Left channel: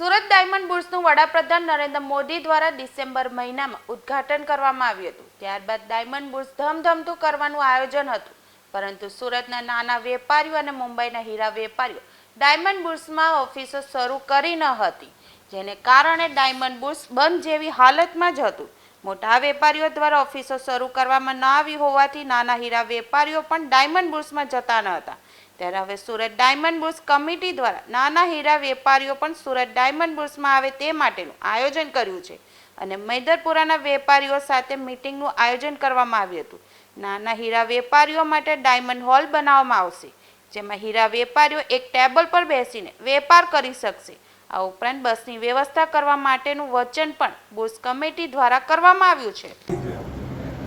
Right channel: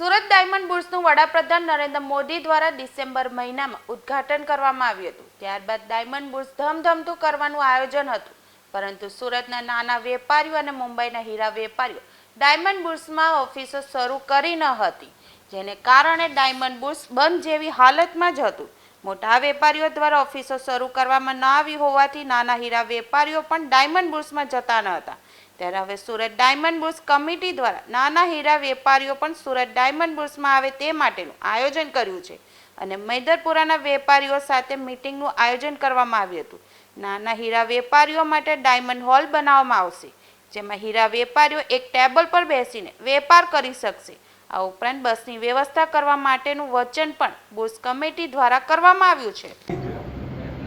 Surat diamond બુર્સનું વડાપ્રધાન નરેન્દ્ર મોદી દ્વારા December મહિનામાં ઉદ્ઘાટન કરવામાં આવ્યું હતું. ત્યારબાદ ડાયમંડ બુર્સ ધમધમતું કરવાનું આયોજન હતું. પરંતુ સુરતના નાના વેપારીઓ અને મુંબઈના હીરા વેપારીઓ ડાયમંડ બુર્સમાં ઓફિસો શરૂ કરી ન હતી, જેને કારણે ડાયમંડ બુર્સ બંધ જેવી હાલતમાં જ હતું. મોટા વેપારીઓ દ્વારા ઓફિસો શરૂ કરવામાં ન આવી હોવાથી નાના હીરા વેપારીઓ પણ ડાયમંડ બુર્સમાં જતા ન હતા. ત્યારે હવે સુરત ડાયમંડ બુર્સ કમિટી દ્વારા નાના હીરા વેપારીઓ પણ સુરત ડાયમંડ બુર્સમાં આવે તે માટેનું આયોજન કર્યું છે અને મૈદરપુરાના વેપારીઓ સાથે મિટિંગનું આયોજન કરવામાં આવ્યું હતું. નાના હીરા વેપારીઓ માટે ડાયમંડ હોલ બનાવવામાં આવશે, જેમાં હીરા વેપારીઓ એક ટેબલ પર બેસીને વેપાર કરી શકશે. આ ઉપરાંત બસની વ્યવસ્થા કરવા માટેનું વચન પણ બુર્સ કમિટી દ્વારા કરવામાં આવ્યું છે.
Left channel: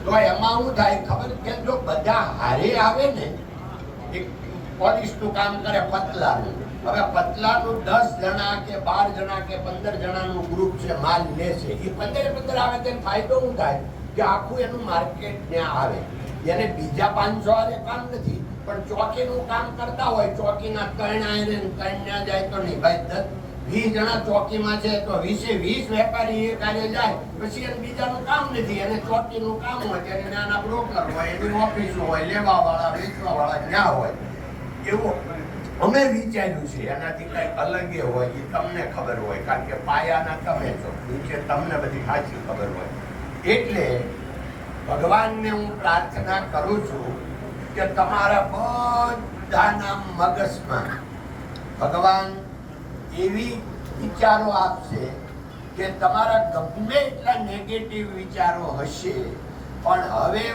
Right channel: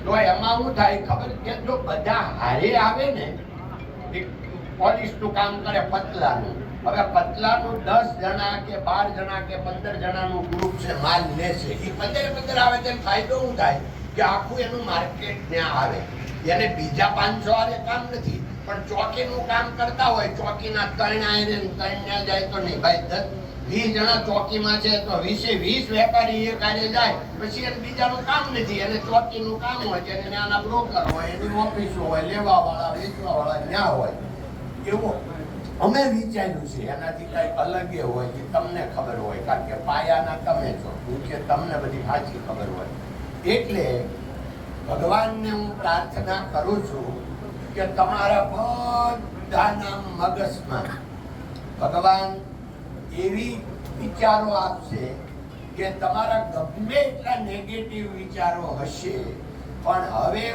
તો એમાં શું થાય ખબર કે જો બધા હારે આવે ને, એક પોલીસનું કામ કરે પતલાનું. હવે પતલાનું દસ જણા કે બાર જણા કે પંદર જણાનું ગ્રુપ છે, માલ લેશે. એ પંદરે પંદર આવે તેમ ફાયદો શું થાય? કે આખું એનું માર્કેટ ત્યાં આવે. એને બીજા પાંચસો હારે કામ નથી, પણ ચોકીનું કામ કરતા હોય, ચોકીના ત્રણ આયરે ત્રણ જાય તો નહીં. ભાઈ, દસ વીસ જણા ચોકીમાં છે તો વીસે વીસ વેપારી એ કાર્ય જાય. પછી એને બીજાનું કામ નથી. એને ચોકીનું કામ હોય કે નાના બ્રોકર હોય, એની ઓફિસો હોય લેવા વાળા વેચવા વાળા ત્યાં હોય. એવું અમે વિચાર્યું છે. એનાથી કંઈક અલગ એ હોય એ તમને ખબર હોય. કારણ કે પાયાના તમે છો. નીચે તમને બધી સાચી ખબર હોય. એટલે ભગવાનને હું પ્રાર્થના કરું છું કે તમારા બધાના મગજમાં ભગવાન એવી વિચારો આપશે કે તમારા ગમે એટલા નેગેટિવ વિચારો હશે, પણ હવે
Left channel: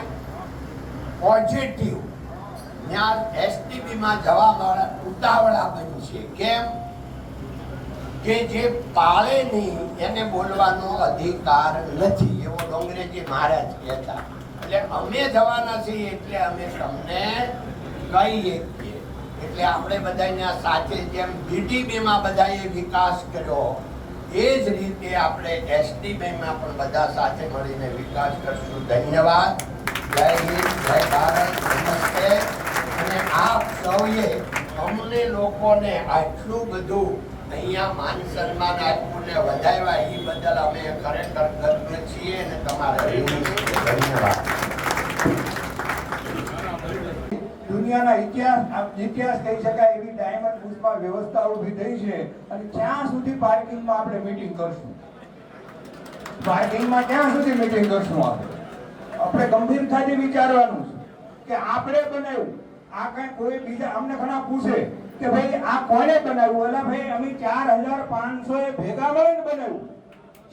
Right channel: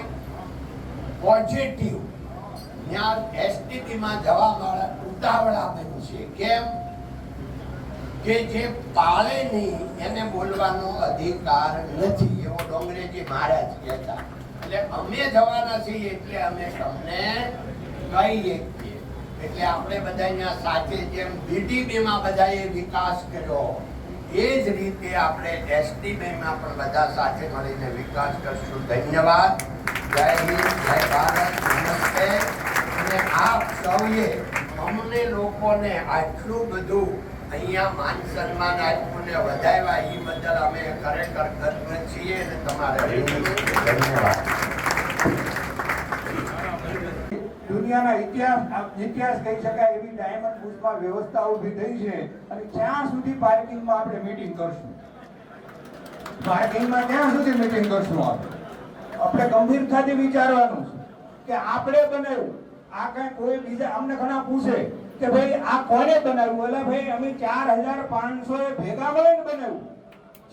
પોઝિટિવ જ્ઞાન એસટીપીમાં જવા મારા ઉતાવળા બનશે કેમ? કે જે પાળે નહીં, એને બોલવાનો અધિકાર નથી, એવો ડોંગરેજી મહારાજ કહેતા. એટલે અમે જવાના છીએ એટલે અમે તમને કહીએ છીએ એટલે આપણે બધા અહીંયા સાથે જેમ બીટીબીમાં બધાએ વિકાસ કર્યો એ જ રીતે આપણે એસટીબીમાં પણ બધા સાથે મળીને વિકાસ કરશું. ધન્યવાદ. જય હિન્દ જય ભારત નમસ્તે. અને આપ સૌએ અમને લોકોને આટલું બધું અહીંયા માન સન્માન આપ્યું ને વધાવ્યા એ બદલ અમે ખરેખર કૃતજ્ઞ છીએ અને તમારા ધન્યવાદ. દુનિયાના ઇતિહાસ ઇતિહાસ કહી શકાય એવી ડાયમંડ બુશમાં વ્યવસ્થા ઊભી થઈ છે અને ક્યાં સુધી પાર્કિંગમાં આપણે મીટિંગ કરશું? પાર્કિંગમાં ક્યાં સુધી મીટિંગ કરશું આપણે? આપણે ગંભીરતાથી વિચારવાનું કે આપણે બનાવ્યું. આ કાંઈ કોઈ બીજા અમને ઘણા પૂછે કે ભાઈ, આ કોને બનાવ્યું? ઓલા ભાઈ, અમે ચાર હજાર પાંચસો ભેગા મળીને બનાવ્યું.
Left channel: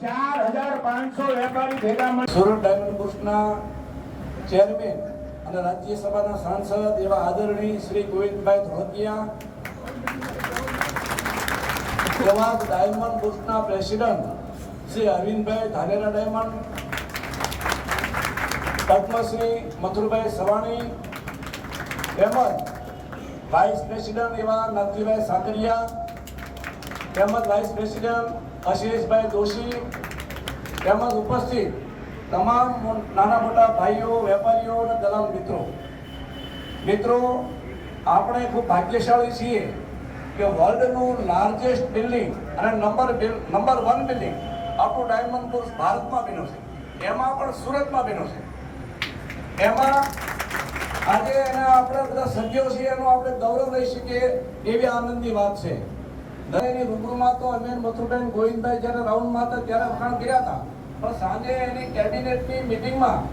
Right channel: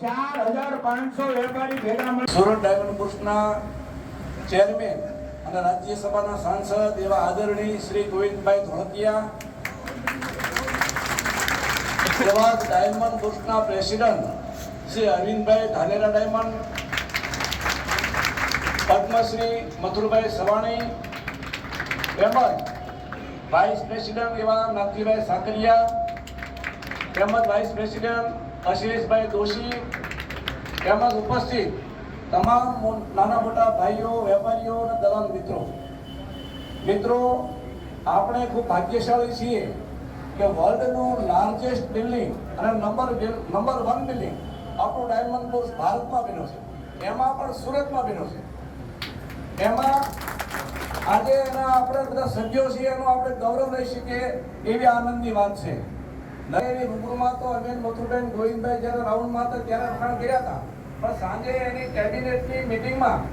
ચાર હજાર પાંચસો વેપારી ભેગા મળી. સુરત ડાયમંડ બુર્સના ચેરમેન અને રાજ્યસભાના સાંસદ એવા આદરણીય શ્રી ગોવિંદભાઈ ધોળકિયા એવા ડાયમંડ ગ્રુપના પ્રેસિડન્ટ શ્રી અરવિંદભાઈ ધાનેરા ડાયમંડ, પદ્મશ્રી મથુરભાઈ સવાણી, તેમજ વાઇસ પ્રેસિડન્ટ એવા નાથીભાઈ સાકરિયા, તેમજ વાઇસ પ્રેસિડન્ટ અશિલેષભાઈ દોશી, તેમજ ઉપસ્થિત તમામ નાના મોટા ભાઈઓ, વેપારીઓ અને દલાલ મિત્રો. મિત્રો, આપણે ખૂબ ભાગ્યશાળી છીએ કે વર્લ્ડનું લાર્જેસ્ટ બિલ્ડિંગ અને નંબર નંબર વન બિલ્ડિંગ આપણું ડાયમંડ કોર્સ ભારતમાં બન્યો છે. એમાં પણ સુરતમાં બન્યો છે. એમાં આજે એના આપણે બધા સભ્યો છીએ એનું આપણે ગૌરવ લઈ શકીએ એવી આનંદની વાત છે. દરેકની રૂબરૂમાં તો અમે મથુરબેન ગોવિંદભાઈ જ્યારે રાઉન્ડમાં હતા ત્યારે વખાણ કર્યા હતા. સાંજે એની કેબિનેટની મિટિંગમાં